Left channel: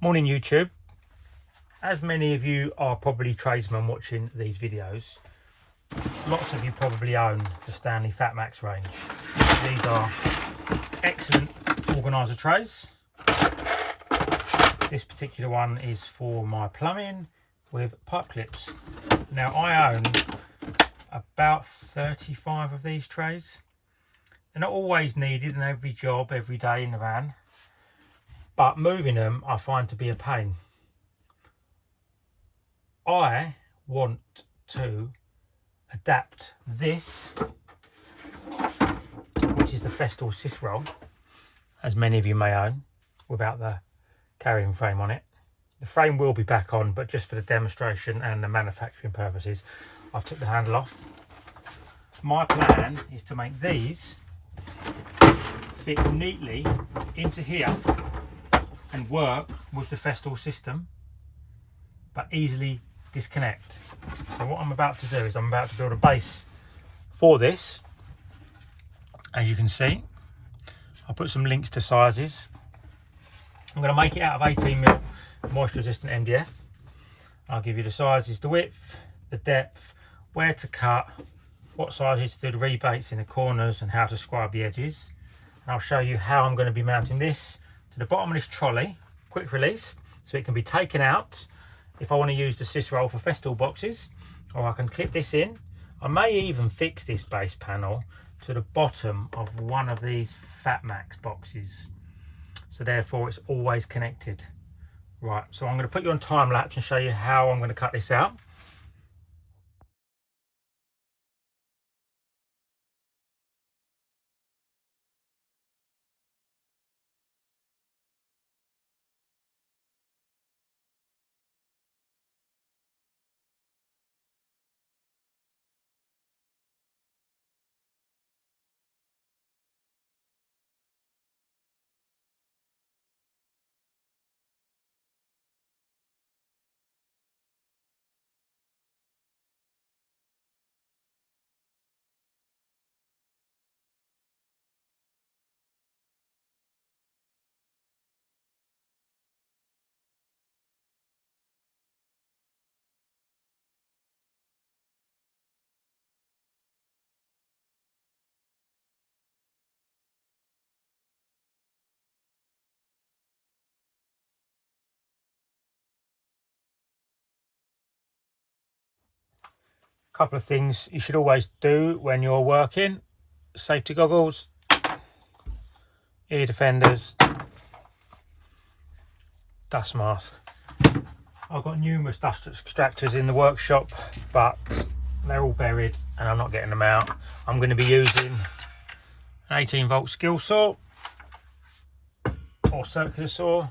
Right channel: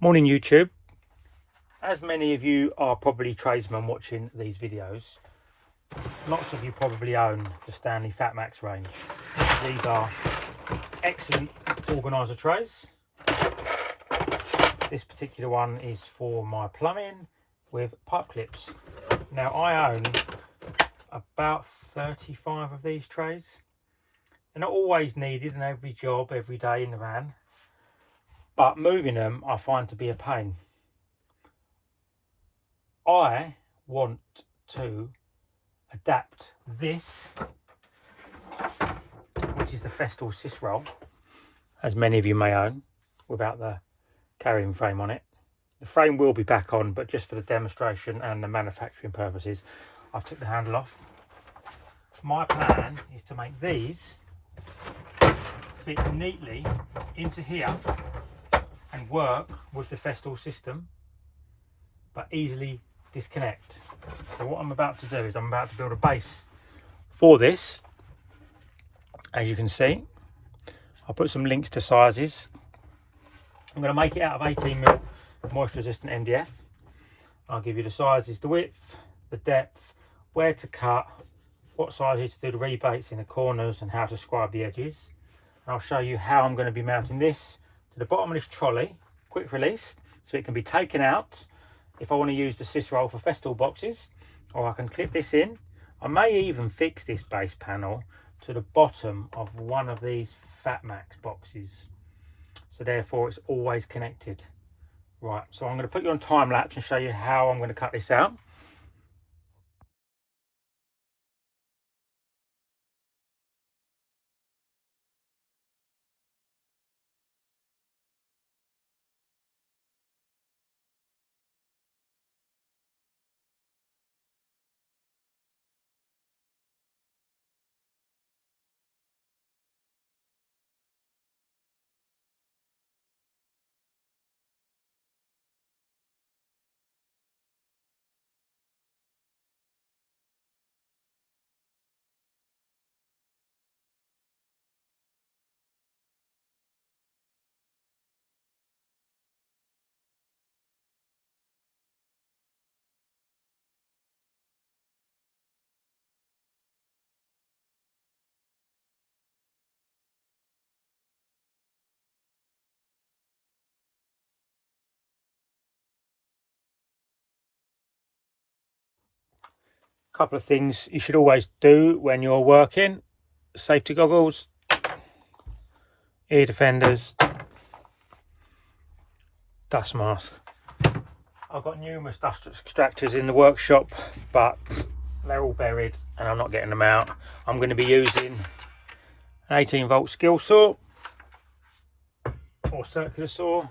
Morning YouTube. As many of you are probably tradesmen watching these videos, lots of you probably own the Stanley Fat Max range. These are excellent organiser trays. This particular one is for my plumbing with pipe clips. Now I own about 35 of these trays. They're not always needed in every job, every day in the van, but moving them I find to be a pain. I want to adapt this, which is the Festool SYS roll, as many of you may own, without the carrying frame on it. The frame will be back on, but just for the demonstration and the manufacturing purposes, I've took the handle off. My plan is to make these fit neatly into here and work with the Festool system, but easily disconnect. So what I'm about to do is I'm about to build a base for this. As you can see, I'll put some links to sizes. I'm going to make it out of 18mm moisture resistant MDF. I'll give you the sizes, the width, the depth, where to cut, what sizes to do the rebates in the corners, and how to scribe the edges. And I'll show you how I'm going to be mounting this to the bottom of this trolley, quick release, so it can be taken out if I want to use the SYS roll for Festool boxes, or I can clip this in. I may even fix this base panel to the bottom of one of these Fat Max boxes, so therefore it's always connected. Right, so I'm going to put you on time lapse and show you how I'm going to cut this out. Couple of things you should always do when you're working: safety goggles, ear defenders, dust mask. I've got numerous dust extractors in the workshop, but they're all buried and I'm not getting them out. I'm going to be using an 18-volt skill saw or circular saw,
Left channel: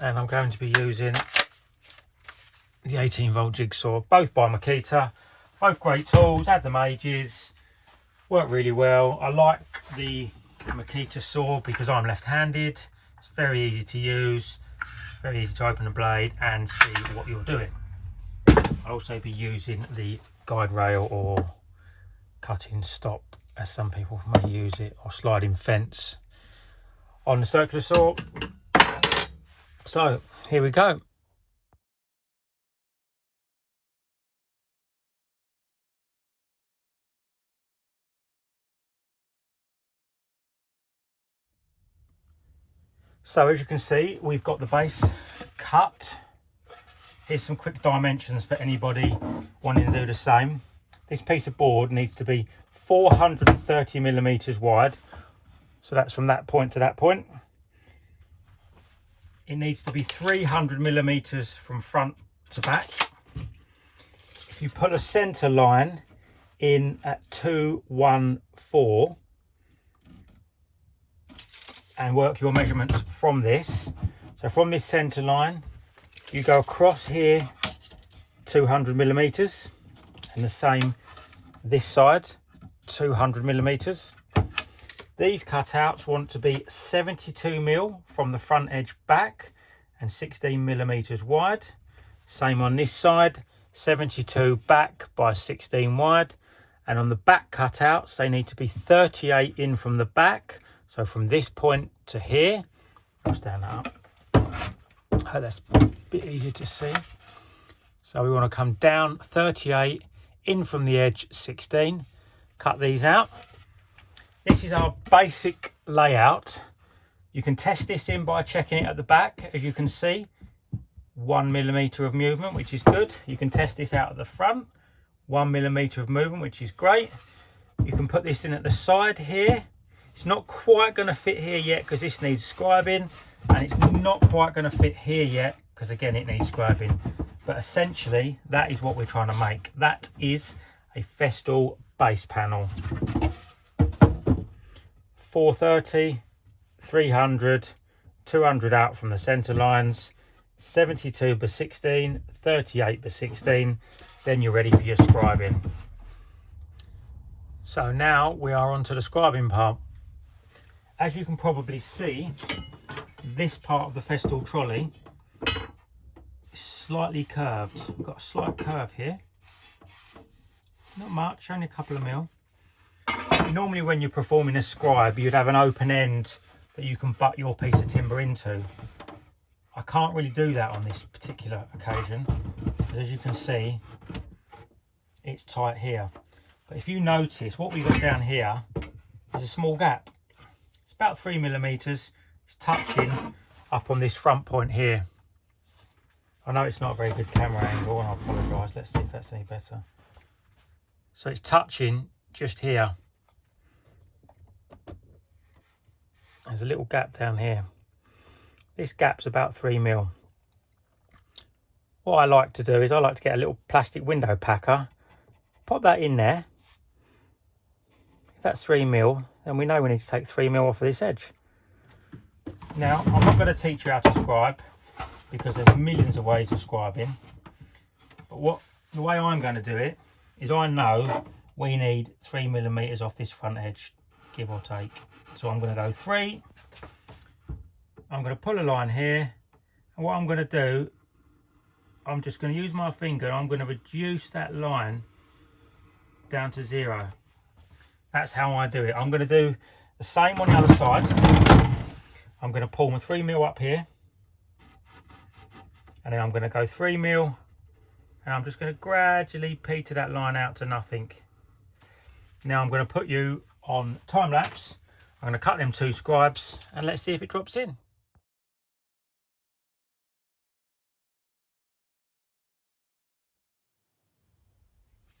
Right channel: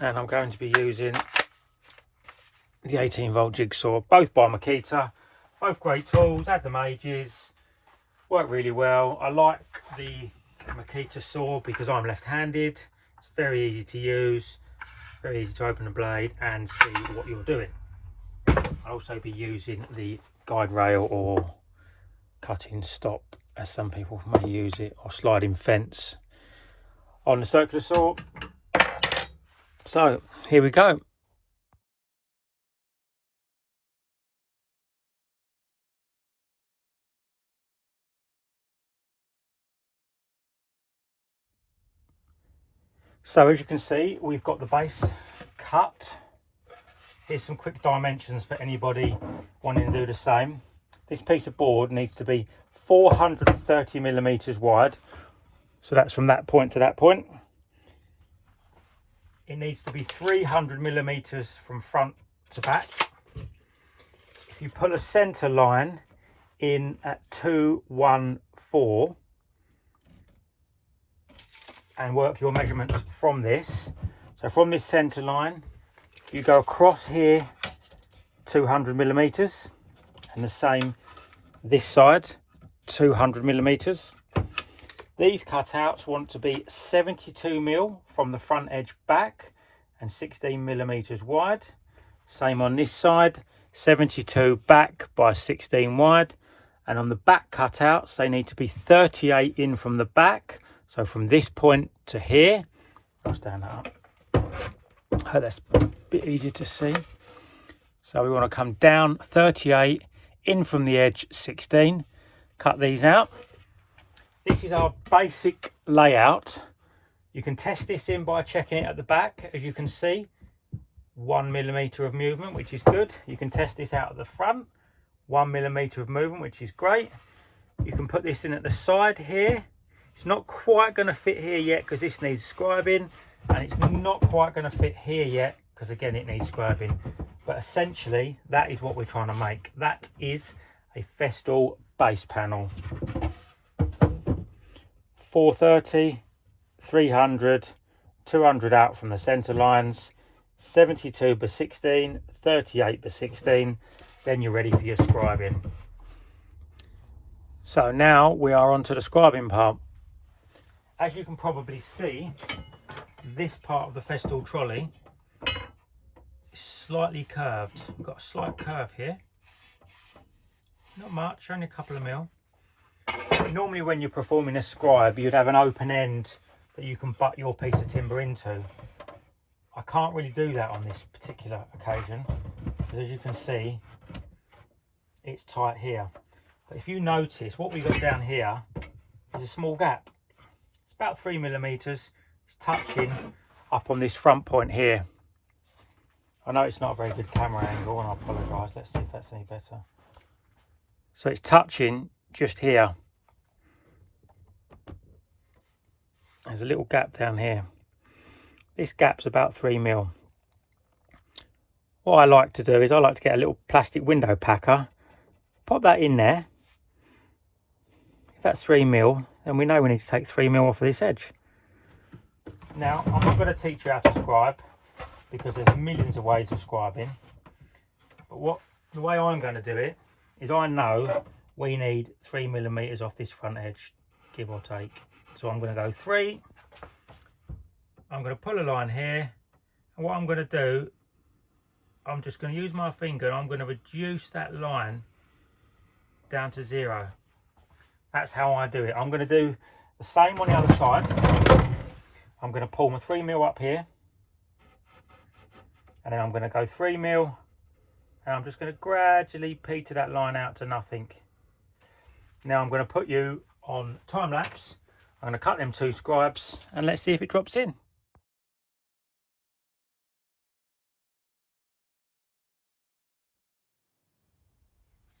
and I'm going to be using the 18-volt jigsaw, both by Makita. Both great tools, had them ages, work really well. I like the Makita saw because I'm left-handed. It's very easy to use, very easy to open the blade and see what you're doing. I'll also be using the guide rail or cutting stop, as some people may use it, or sliding fence on the circular saw. So here we go. So as you can see, we've got the base cut. Here's some quick dimensions for anybody wanting to do the same. This piece of board needs to be 430mm wide. So that's from that point to that point. It needs to be 300mm from front to back. If you put a center line in at 214, and work your measurements from this. So from this center line, you go across here 200mm, and the same this side, 200mm. These cutouts want to be 72mm from the front edge back and 16mm wide. Same on this side, 72 back by 16 wide. And on the back cutouts, they need to be 38 in from the back. So from this point to here, I'll stand that up, Hope that's a bit easier to see. So we want to come down 38, in from the edge 16, cut these out. This is our basic layout. You can test this in by checking it at the back. As you can see, 1 millimetre of movement, which is good. You can test this out at the front, 1 millimetre of movement, which is great. You can put this in at the side here. It's not quite going to fit here yet because this needs scribing, and it's not quite going to fit here yet because again it needs scribing. But essentially that is what we're trying to make. That is a Festool base panel. 430, 300, 200 out from the centre lines, 72 by 16, 38 by 16, then you're ready for your scribing. So now we are on to the scribing part. As you can probably see, this part of the Festool trolley is slightly curved. We've got a slight curve here. Not much, only a couple of mil. Normally when you're performing a scribe, you'd have an open end that you can butt your piece of timber into. I can't really do that on this particular occasion, because as you can see, it's tight here. But if you notice, what we've got down here is a small gap. It's about 3 millimetres. It's touching up on this front point here. I know it's not a very good camera angle, and I apologise. Let's see if that's any better. So it's touching just here. There's a little gap down here. This gap's about 3 mil. What I like to do is I like to get a little plastic window packer, pop that in there. If that's 3 mil, then we know we need to take 3 mil off of this edge. Now, I'm not going to teach you how to scribe because there's millions of ways of scribing. But the way I'm going to do it is I know we need 3 millimeters off this front edge, give or take. So I'm going to go 3. I'm going to pull a line here, and what I'm going to do, I'm just going to use my finger and I'm going to reduce that line down to 0. That's how I do it. I'm going to do the same on the other side. I'm going to pull my 3 mil up here, and then I'm going to go 3 mil, and I'm just going to gradually peter that line out to nothing. Now I'm going to put you on time lapse. I'm going to cut them 2 scribes, and let's see if it drops in.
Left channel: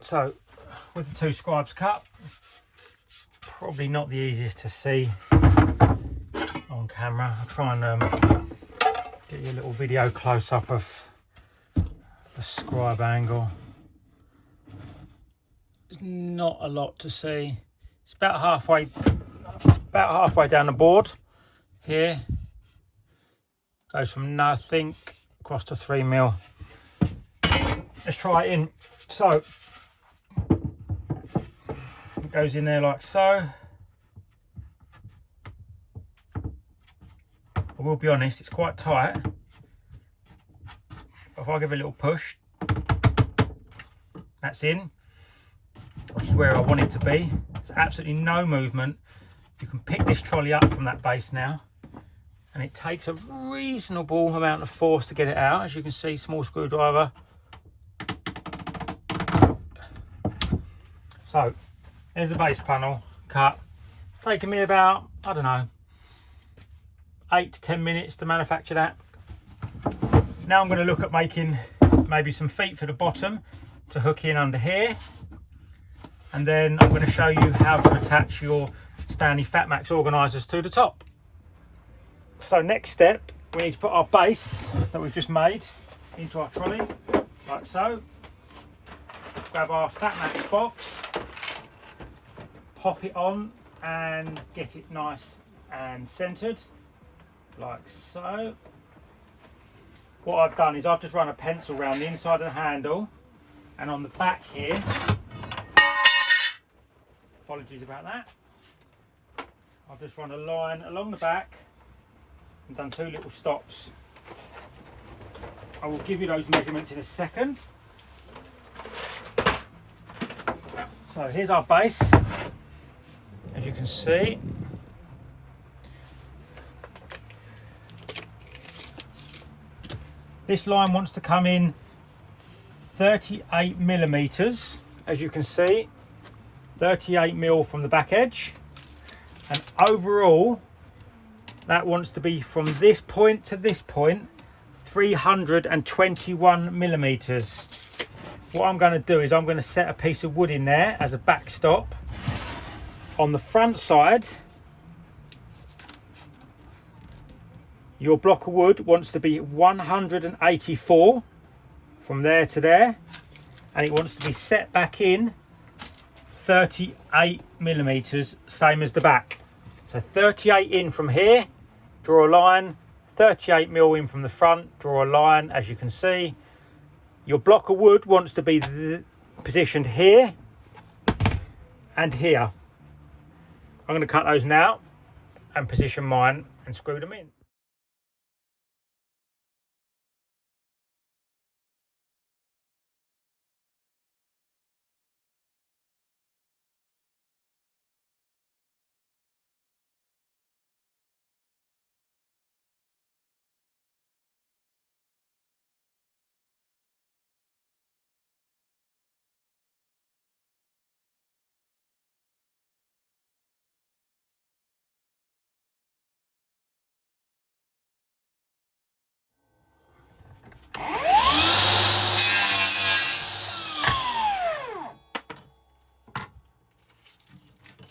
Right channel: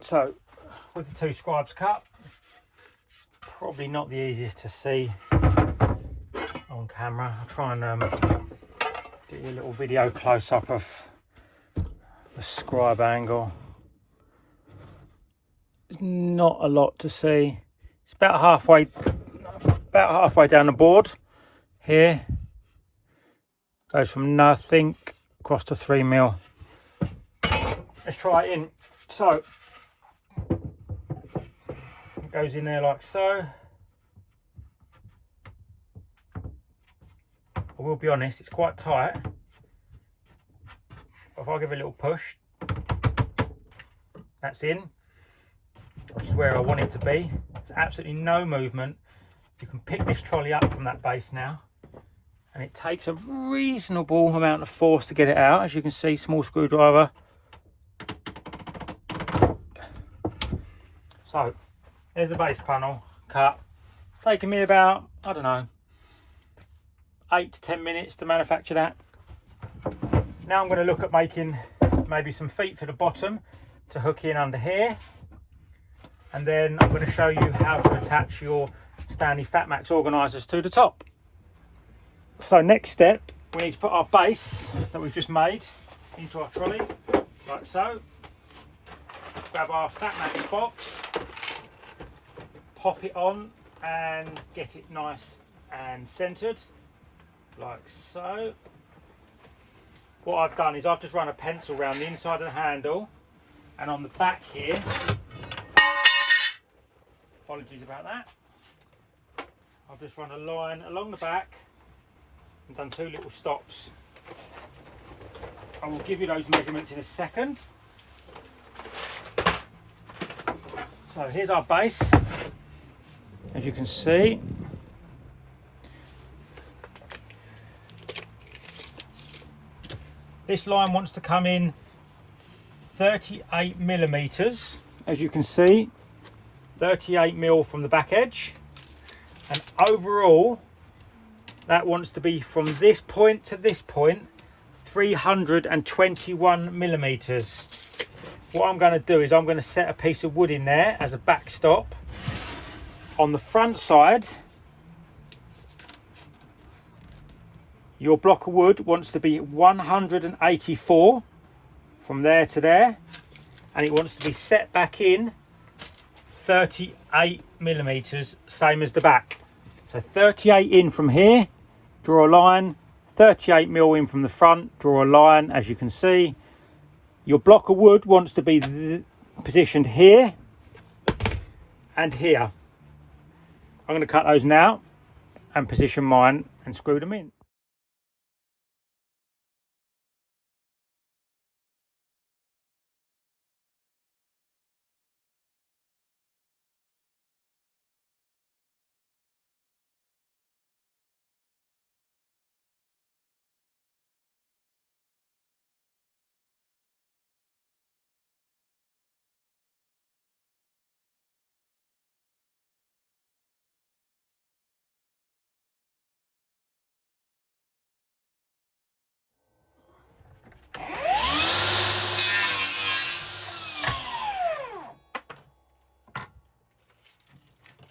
So with the 2 scribes cut, probably not the easiest to see on camera. I'll try and get you a little video close up of the scribe angle. There's not a lot to see. It's about halfway down the board here. Goes from nothing across to 3 mil. Let's try it in. So it goes in there like so. I will be honest, it's quite tight. But if I give it a little push, that's in, which is where I want it to be. There's absolutely no movement. You can pick this trolley up from that base now, and it takes a reasonable amount of force to get it out. As you can see, small screwdriver. So there's a base panel cut. It's taken me about, I don't know, 8 to 10 minutes to manufacture that. Now I'm going to look at making maybe some feet for the bottom to hook in under here, and then I'm going to show you how to attach your Stanley Fat Max organisers to the top. So next step, we need to put our base that we've just made into our trolley, like so. Grab our Fat Max box, pop it on and get it nice and centered, like so. What I've done is I've just run a pencil around the inside of the handle, and on the back here, apologies about that, I've just run a line along the back and done 2 little stops. I will give you those measurements in a second. So here's our base, as you can see. This line wants to come in 38 millimeters, as you can see, 38 mil from the back edge, and overall that wants to be from this point to this point 321 millimeters. What I'm going to do is I'm going to set a piece of wood in there as a backstop. On the front side, your block of wood wants to be 184 from there to there, and it wants to be set back in 38 millimeters, same as the back. So 38 in from here, draw a line, 38 mil in from the front, draw a line. As you can see, your block of wood wants to be positioned here and here. I'm going to cut those now and position mine and screw them in.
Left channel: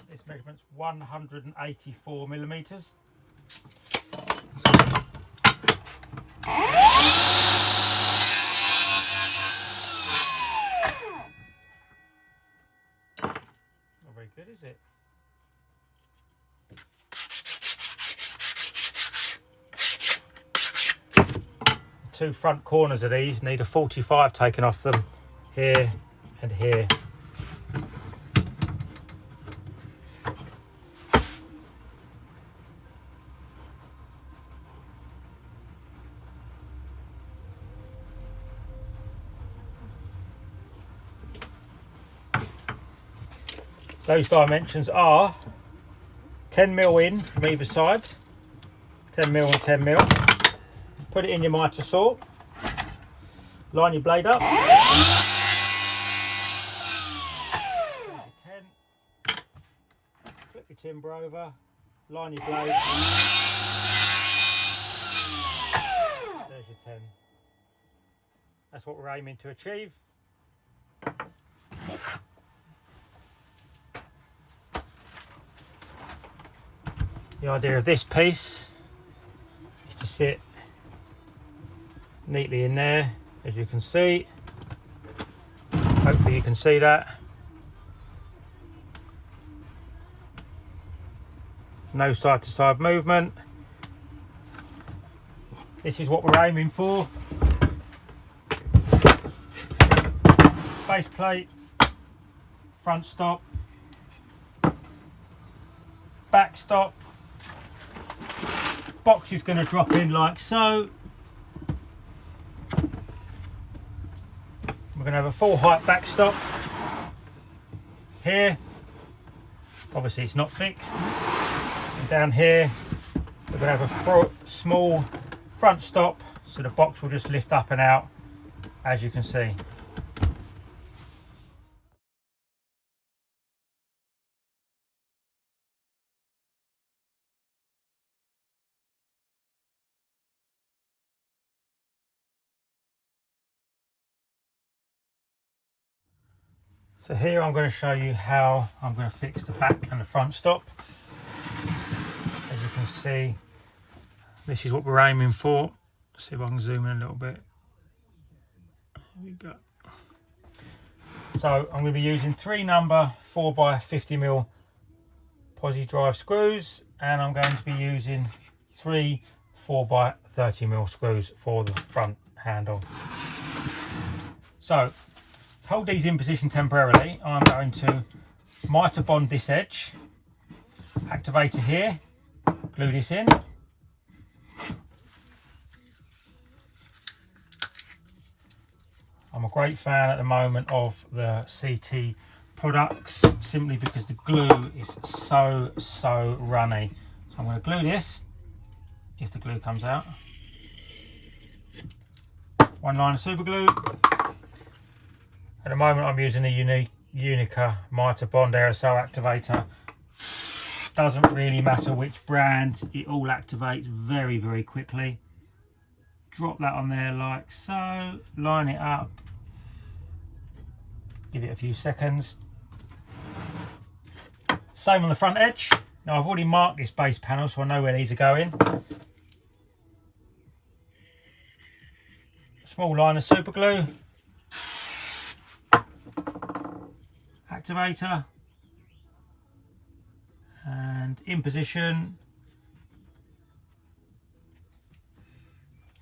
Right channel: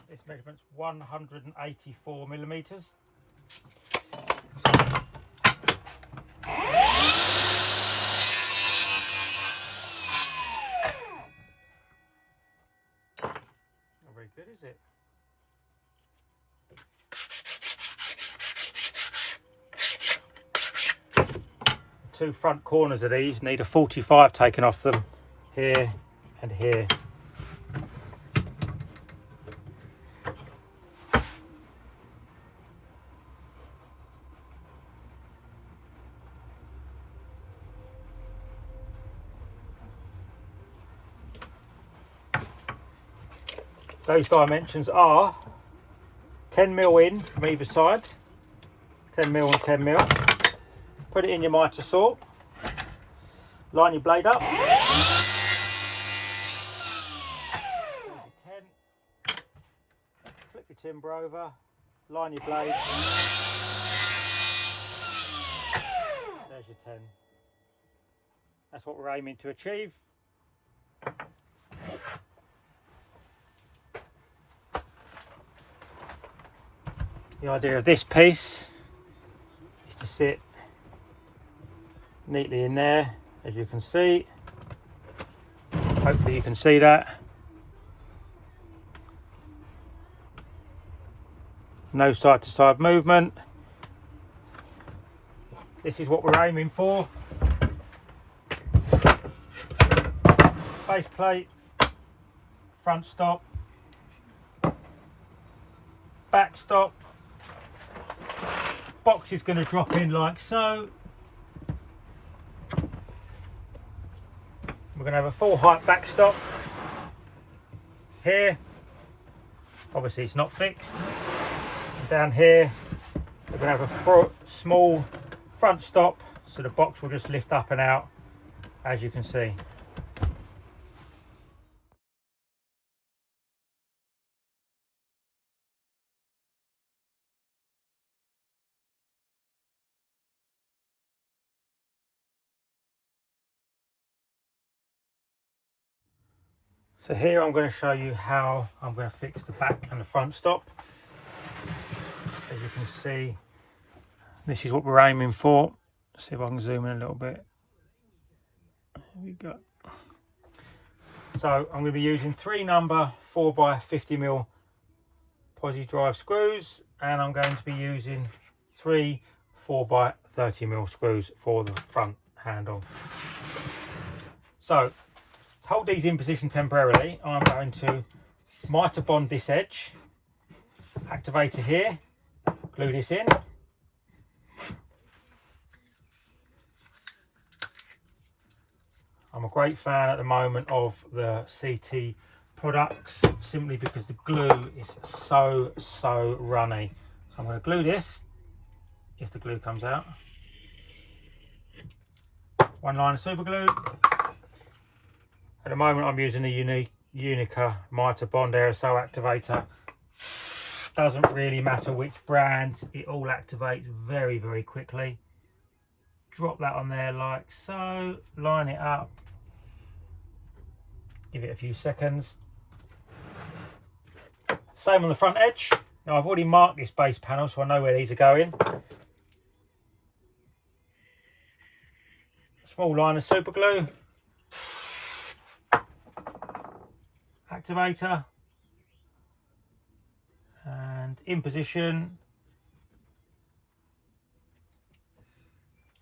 This measurement's 184 millimeters. Not very good, is it? The two front corners of these need a 45 taken off them, here and here. Those dimensions are 10 mil in from either side, 10 mil and 10 mil. Put it in your mitre saw, line your blade up. 10. Flip your timber over, line your blade. There's your 10. That's what we're aiming to achieve. The idea of this piece is to sit neatly in there, as you can see. Hopefully you can see that. No side to side movement. This is what we're aiming for. Base plate, front stop, back stop. Box is going to drop in like so. We're going to have a full height backstop here. Obviously it's not fixed. And down here we're going to have a small front stop, so the box will just lift up and out, as you can see. So here I'm going to show you how I'm going to fix the back and the front stop. As you can see, this is what we're aiming for. Let's see if I can zoom in a little bit. There we go. So I'm going to be using 3 number 4x50mm posi drive screws, and I'm going to be using 3 4x30mm screws for the front handle. So hold these in position temporarily. I'm going to mitre bond this edge, activator here, glue this in. I'm a great fan at the moment of the CT products, simply because the glue is so runny. So I'm going to glue this, if the glue comes out. 1 line of super glue. At the moment I'm using a Unica mitre bond aerosol activator. Doesn't really matter which brand, it all activates very, very quickly. Drop that on there like so, line it up, give it a few seconds. Same on the front edge. Now I've already marked this base panel so I know where these are going. Small line of super glue, activator, and in position.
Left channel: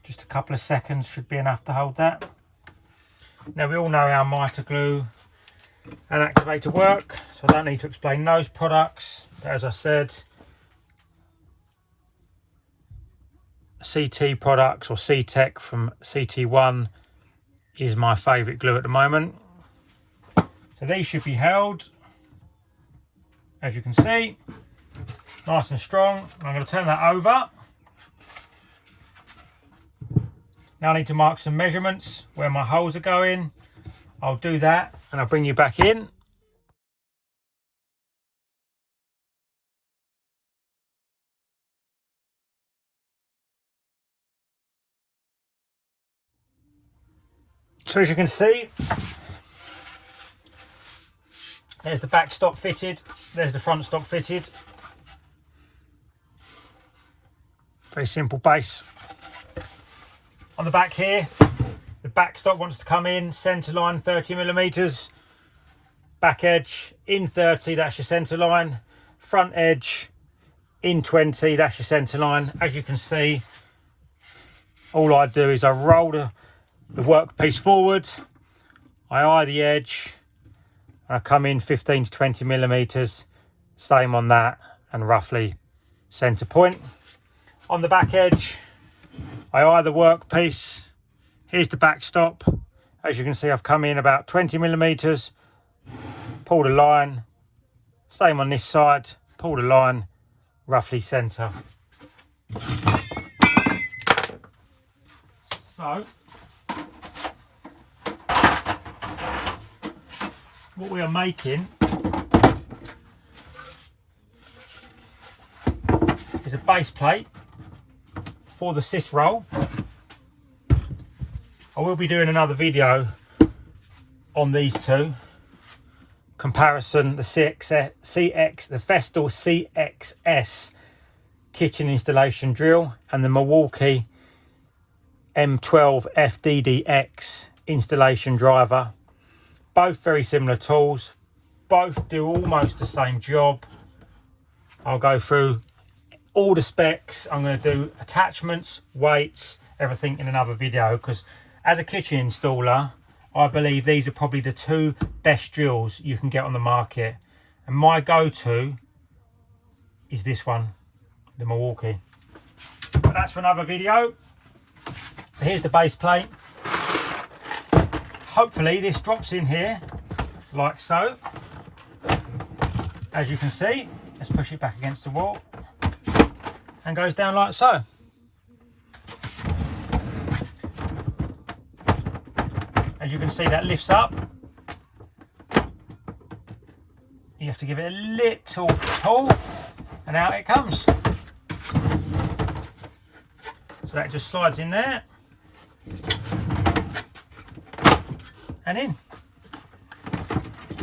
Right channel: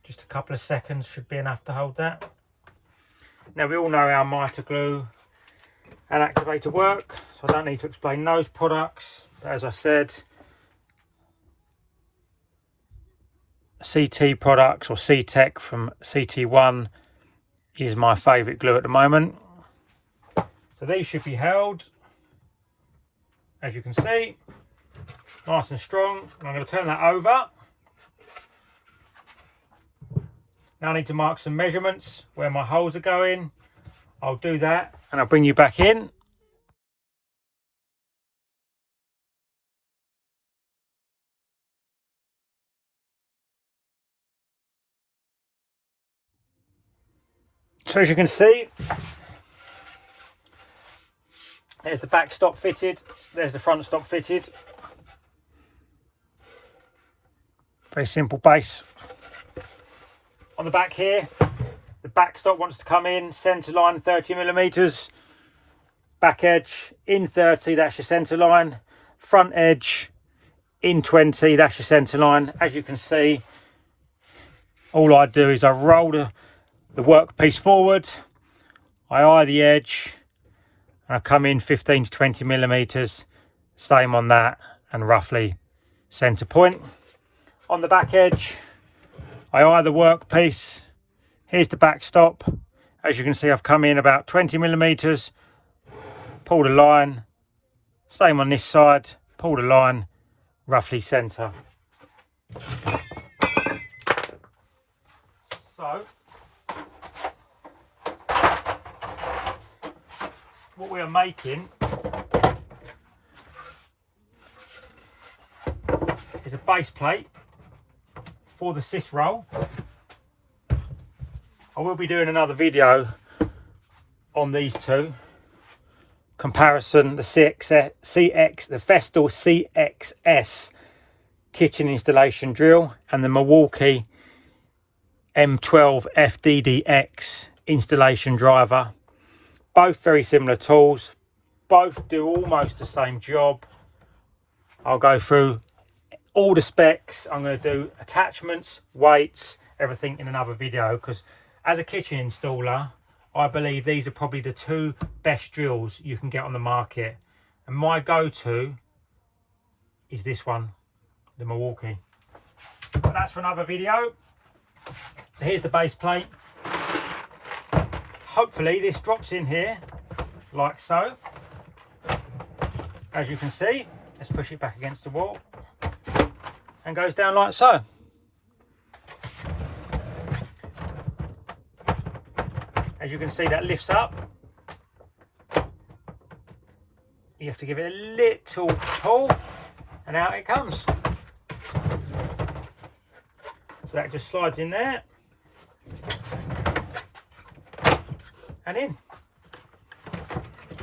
Just a couple of seconds should be enough to hold that. Now we all know how mitre glue and activator work, so I don't need to explain those products. But as I said, CT products or C-Tech from CT1 is my favourite glue at the moment. So these should be held, as you can see, nice and strong. I'm going to turn that over. Now I need to mark some measurements where my holes are going. I'll do that and I'll bring you back in. So as you can see, there's the back stop fitted, there's the front stop fitted. Very simple base. On the back here, the back stop wants to come in, centre line 30mm, back edge in 30, that's your centre line, front edge in 20, that's your centre line. As you can see, all I do is I roll the workpiece forward, I eye the edge, and I come in 15 to 20mm, same on that, and roughly centre point. On the back edge, I eye the workpiece, here's the back stop. As you can see, I've come in about 20mm, pulled a line, same on this side, pulled a line, roughly centre. So, what we are making is a base plate for the SYS roll. I will be doing another video on these two. Comparison, the the Festool SYS kitchen installation drill and the Milwaukee M12 FDDX installation driver. Both very similar tools, both do almost the same job. I'll go through all the specs. I'm going to do attachments, weights, everything in another video, because as a kitchen installer, I believe these are probably the two best drills you can get on the market. And my go-to is this one, the Milwaukee. But that's for another video. So here's the base plate. Hopefully this drops in here, like so. As you can see, let's push it back against the wall. And goes down like so. As you can see, that lifts up. You have to give it a little pull and out it comes. So that just slides in there and in.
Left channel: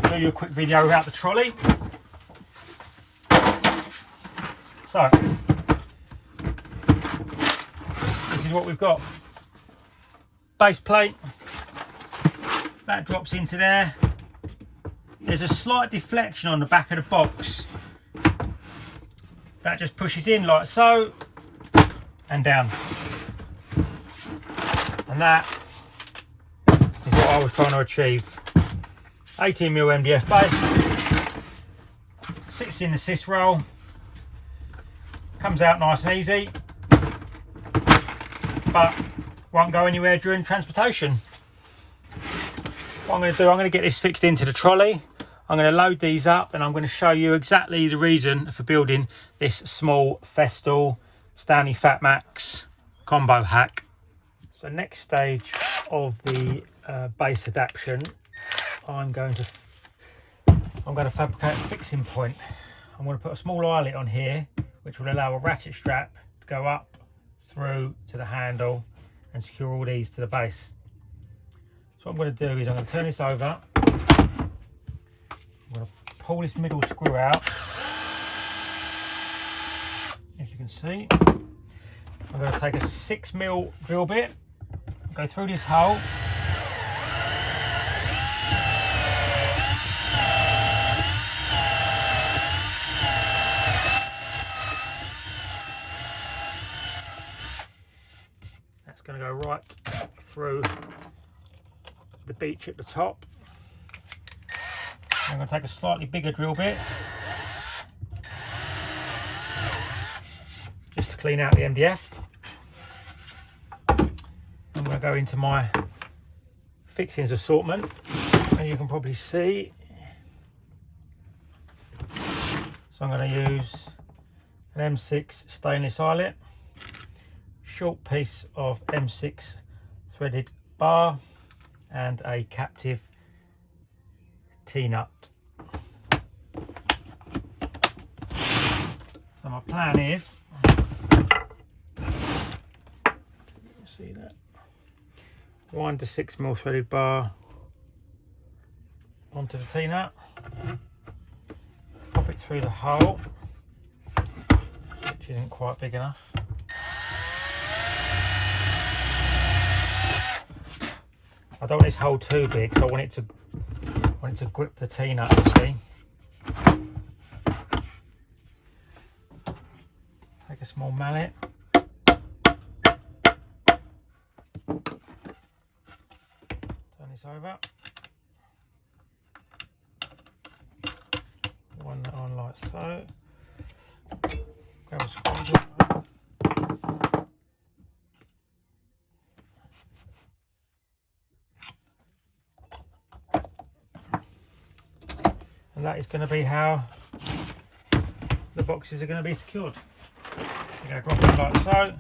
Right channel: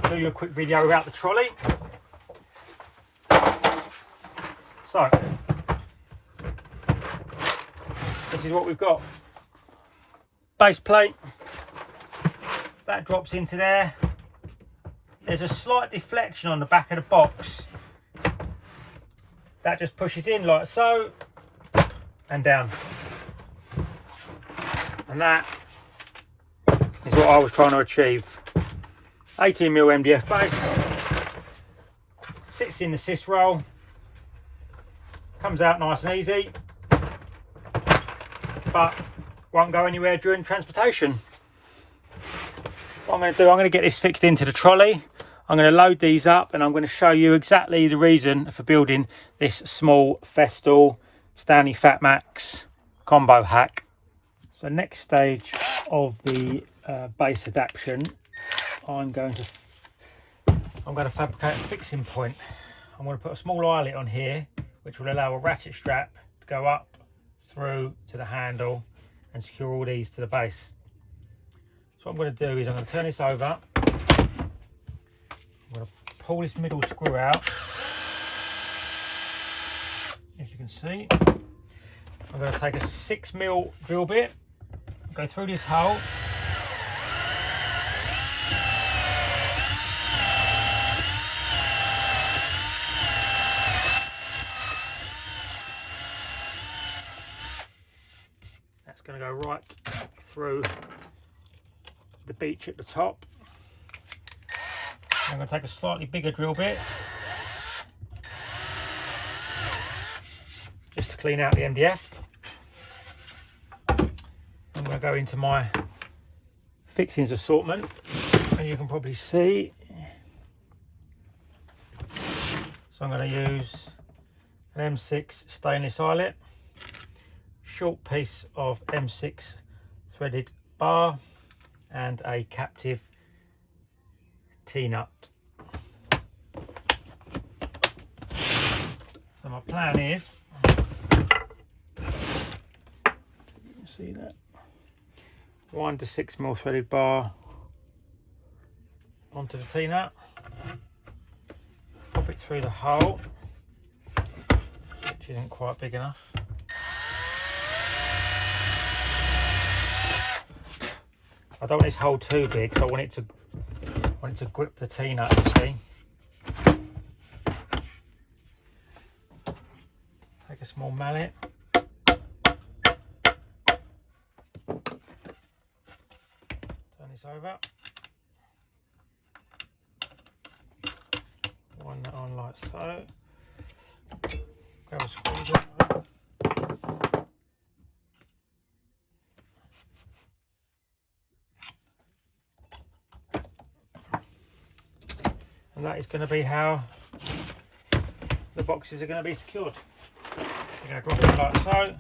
Do you a quick video about the trolley. So this is what we've got. Base plate, that drops into there. There's a slight deflection on the back of the box. That just pushes in like so and down. And that is what I was trying to achieve. 18mm MDF base, sits in the SYS roll, comes out nice and easy, but won't go anywhere during transportation. What I'm going to do, I'm going to get this fixed into the trolley. I'm going to load these up and I'm going to show you exactly the reason for building this small Festool Stanley Fat Max combo hack. So next stage of the base adaptation, I'm going to fabricate a fixing point. I'm going to put a small eyelet on here, which will allow a ratchet strap to go up through to the handle and secure all these to the base. So what I'm going to do is I'm going to turn this over. I'm going to pull this middle screw out. As you can see, I'm going to take a 6mm drill bit, go through this hole. That's going to go right through the beach at the top. I'm going to take a slightly bigger drill bit just to clean out the MDF. I'm going to go into my fixings assortment, as you can probably see. So I'm going to use an M6 stainless eyelet, short piece of M6 threaded bar, and a captive T-nut. So my plan is, see that, 1 to 6mm threaded bar onto the T-nut, pop it through the hole, which isn't quite big enough. I don't want this hole too big, so I want it to grip the T-nut, you see. Take a small mallet. Turn this over. One that on like so. Grab a screwdriver. And that is going to be how the boxes are going to be secured. You're going to drop it like so.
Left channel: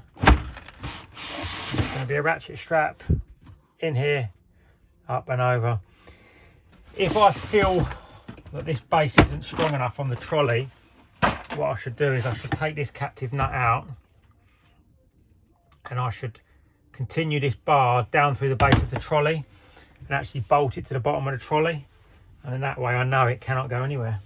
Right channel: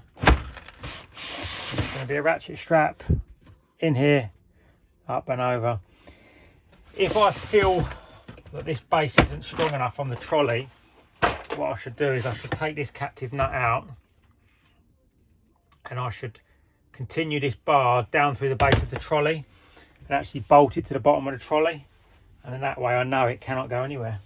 There's going to be a ratchet strap in here, up and over. If I feel that this base isn't strong enough on the trolley, what I should do is I should take this captive nut out and I should continue this bar down through the base of the trolley and actually bolt it to the bottom of the trolley. And in that way I know it cannot go anywhere.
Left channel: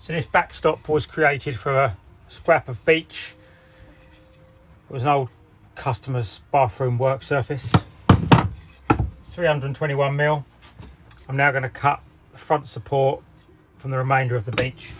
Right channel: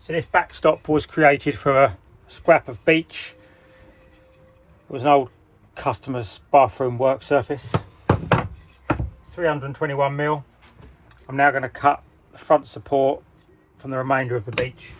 So this backstop was created from a scrap of beach. It was an old customer's bathroom work surface. It's 321mm. I'm now going to cut the front support from the remainder of the beach.